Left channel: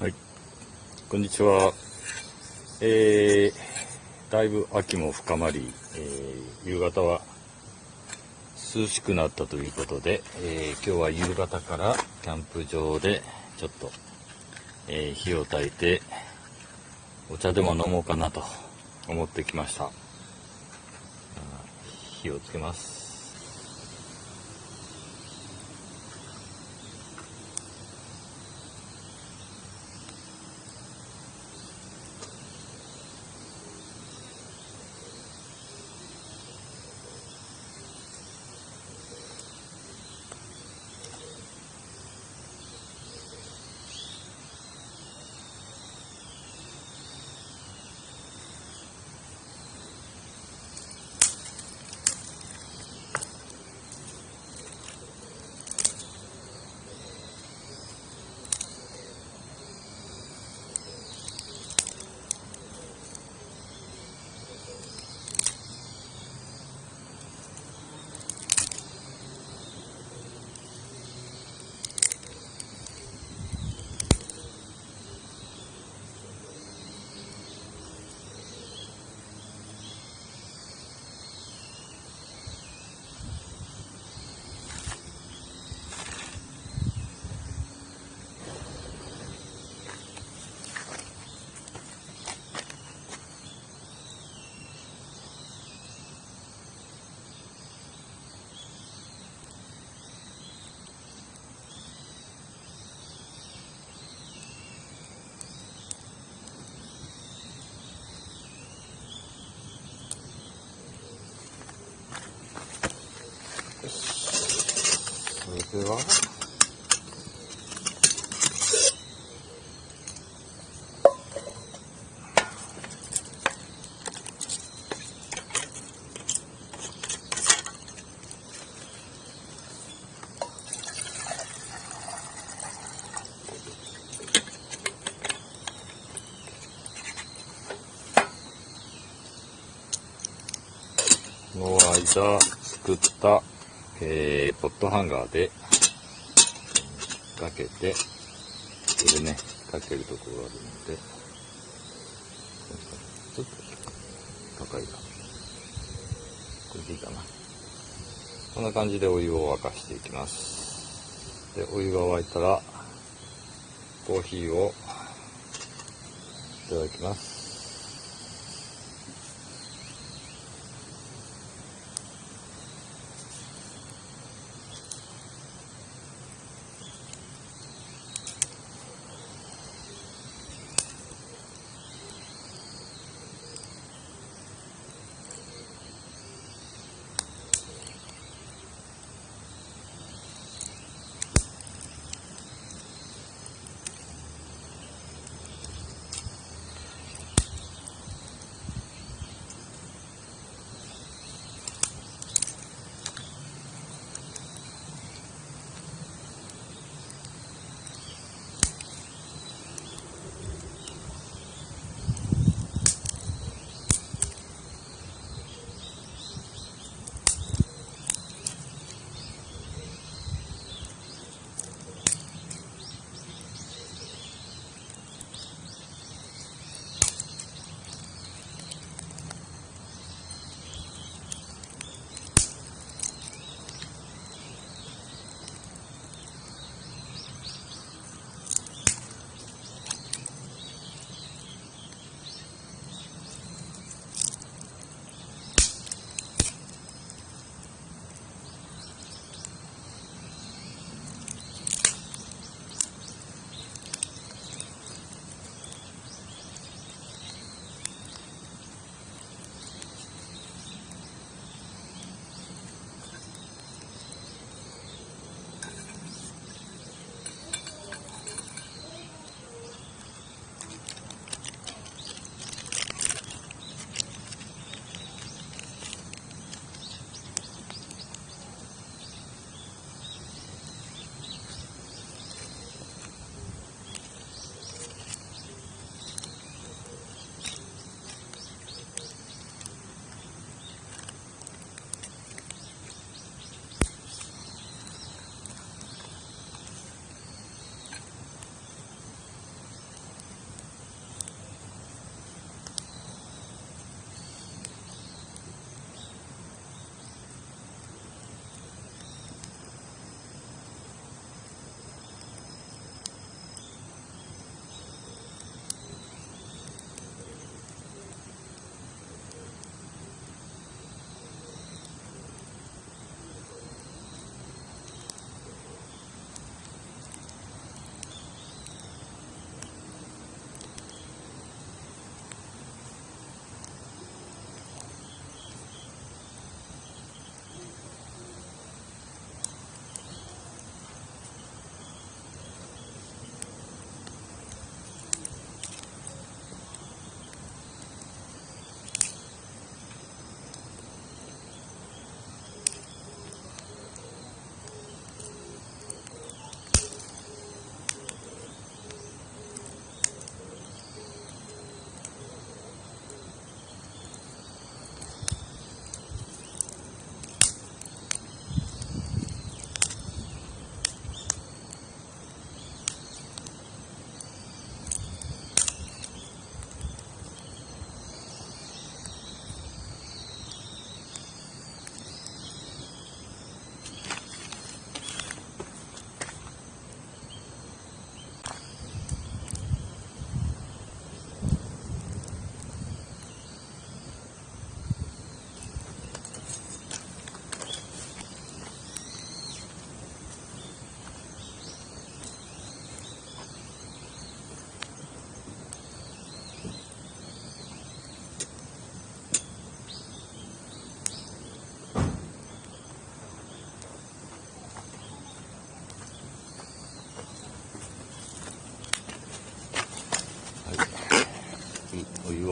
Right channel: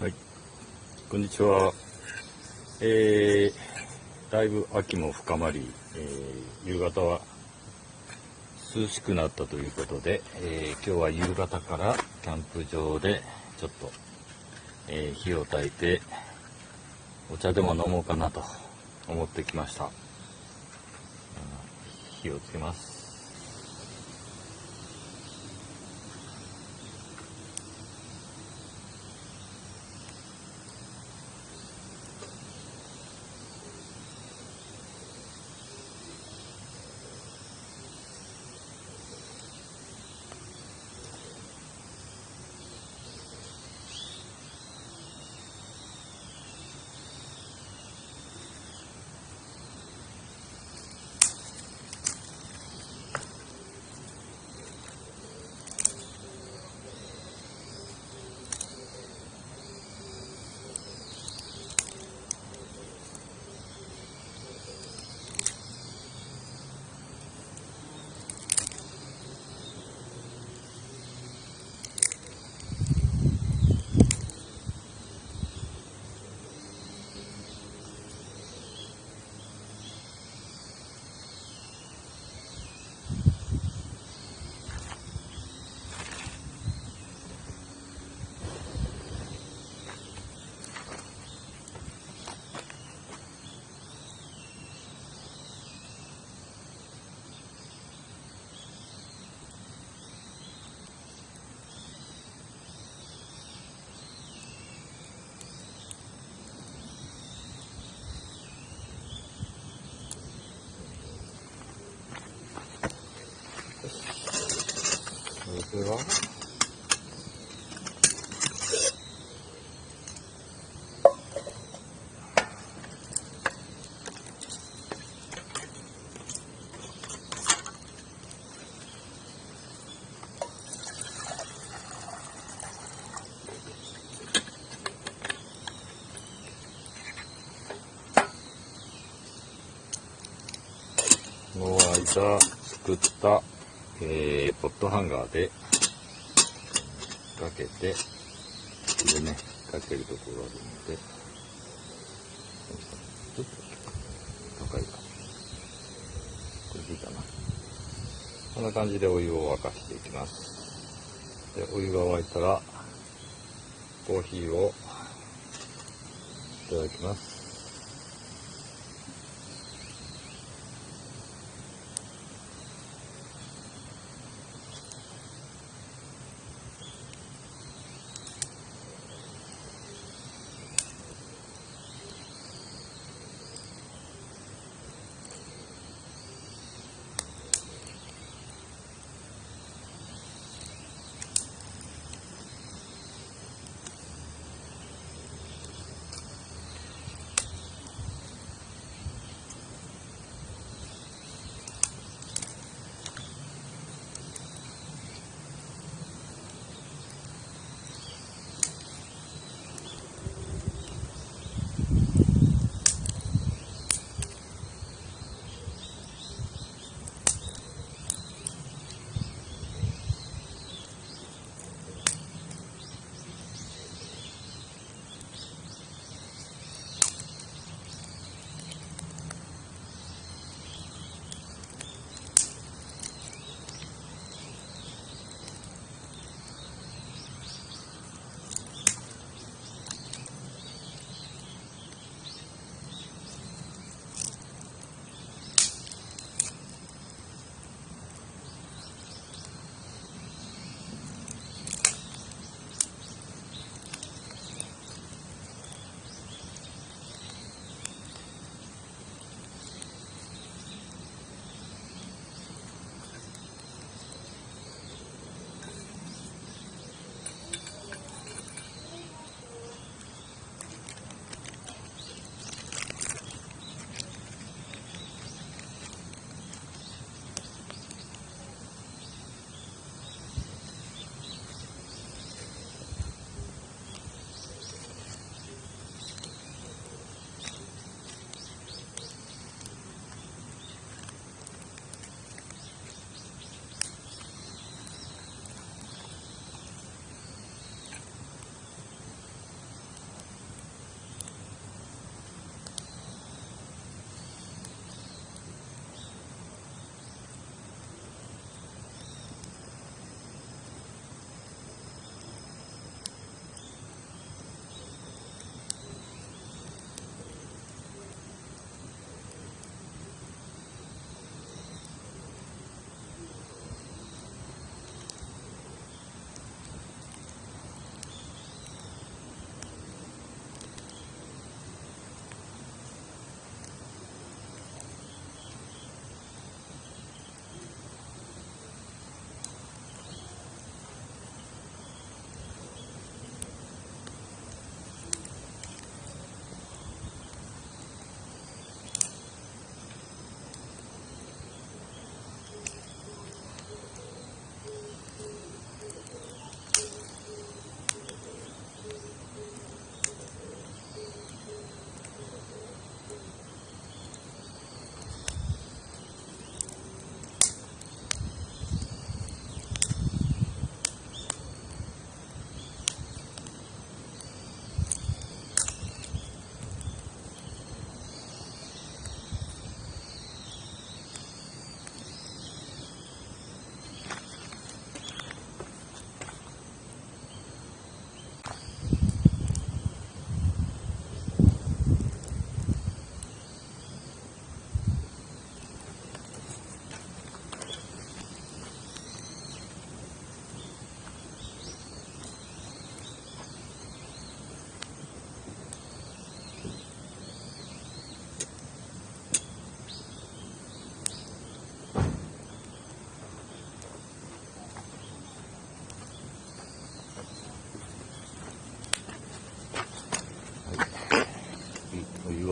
はい、こんにちは。だいぶ秋も深まり、夕方は涼しくなったということで、今日は夕方からキャンプ場でちょっと、火を焚いてお茶でも飲もうかなと思ってきました。火をつけます。それではの間作った、ポットハンガーでかけて、ここでね、かけるところがあるので、ちょっと高いか。これでいいかな。こんな感じでお湯を沸かしていきます。で、お湯が沸いたら、コーヒーをいただきます。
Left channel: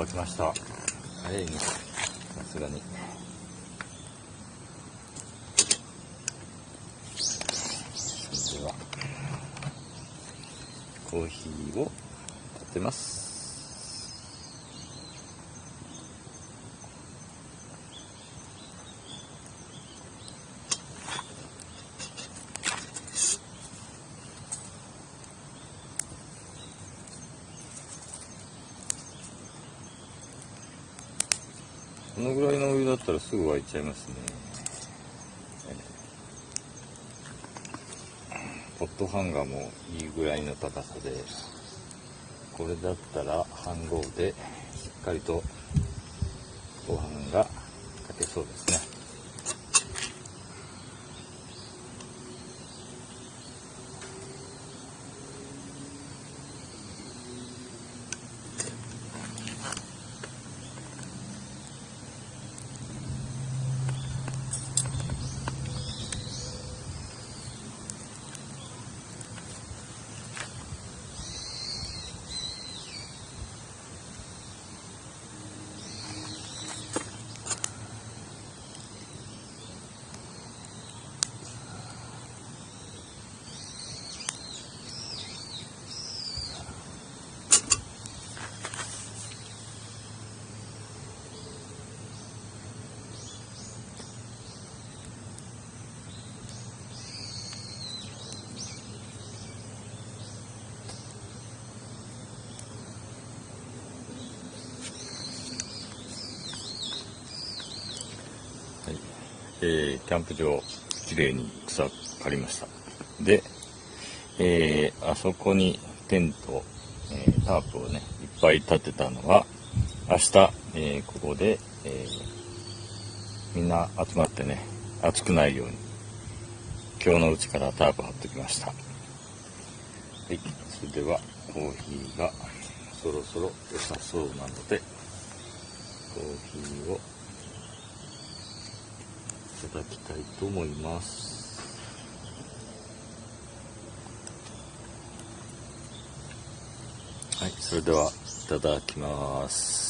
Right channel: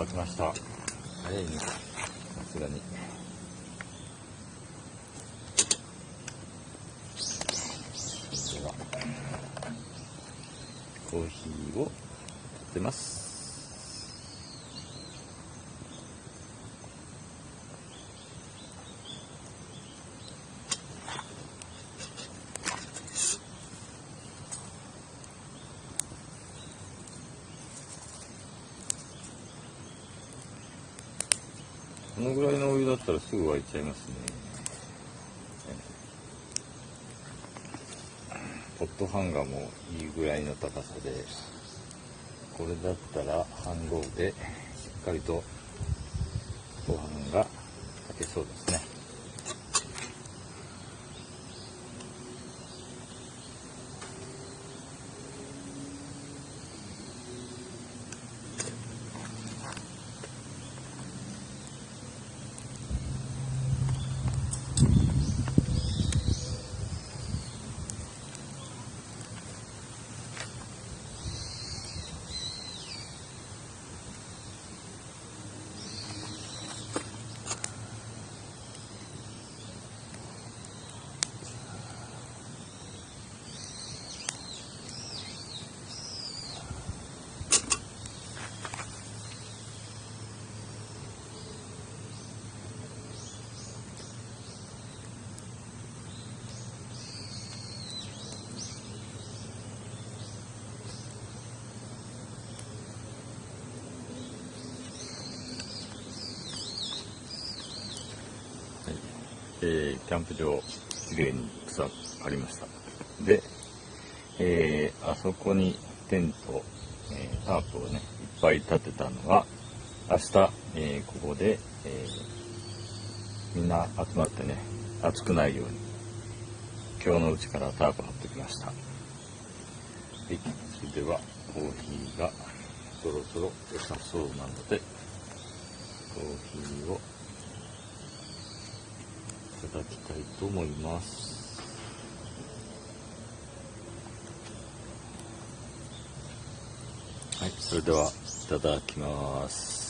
沸きました。早いね、さすがに。それではコーヒーをかけます。このぐらいのお湯だったらすぐ沸いちゃいますね。ポットハンガーもいいぐらいの高さで、これだったら飯盒でしっかりとご飯が炊けそうですね。キャンプ場きれいに草刈りました。で、あそこにテント、タープをねいっぱい立てたのが明日、ここで、みんな集まってね暑くないように今日のうちからタープ張ってきました。はい、それではコーヒーがそろそろ良さそうなのでコーヒーをいただきたいと思います。はい、それではいただきます。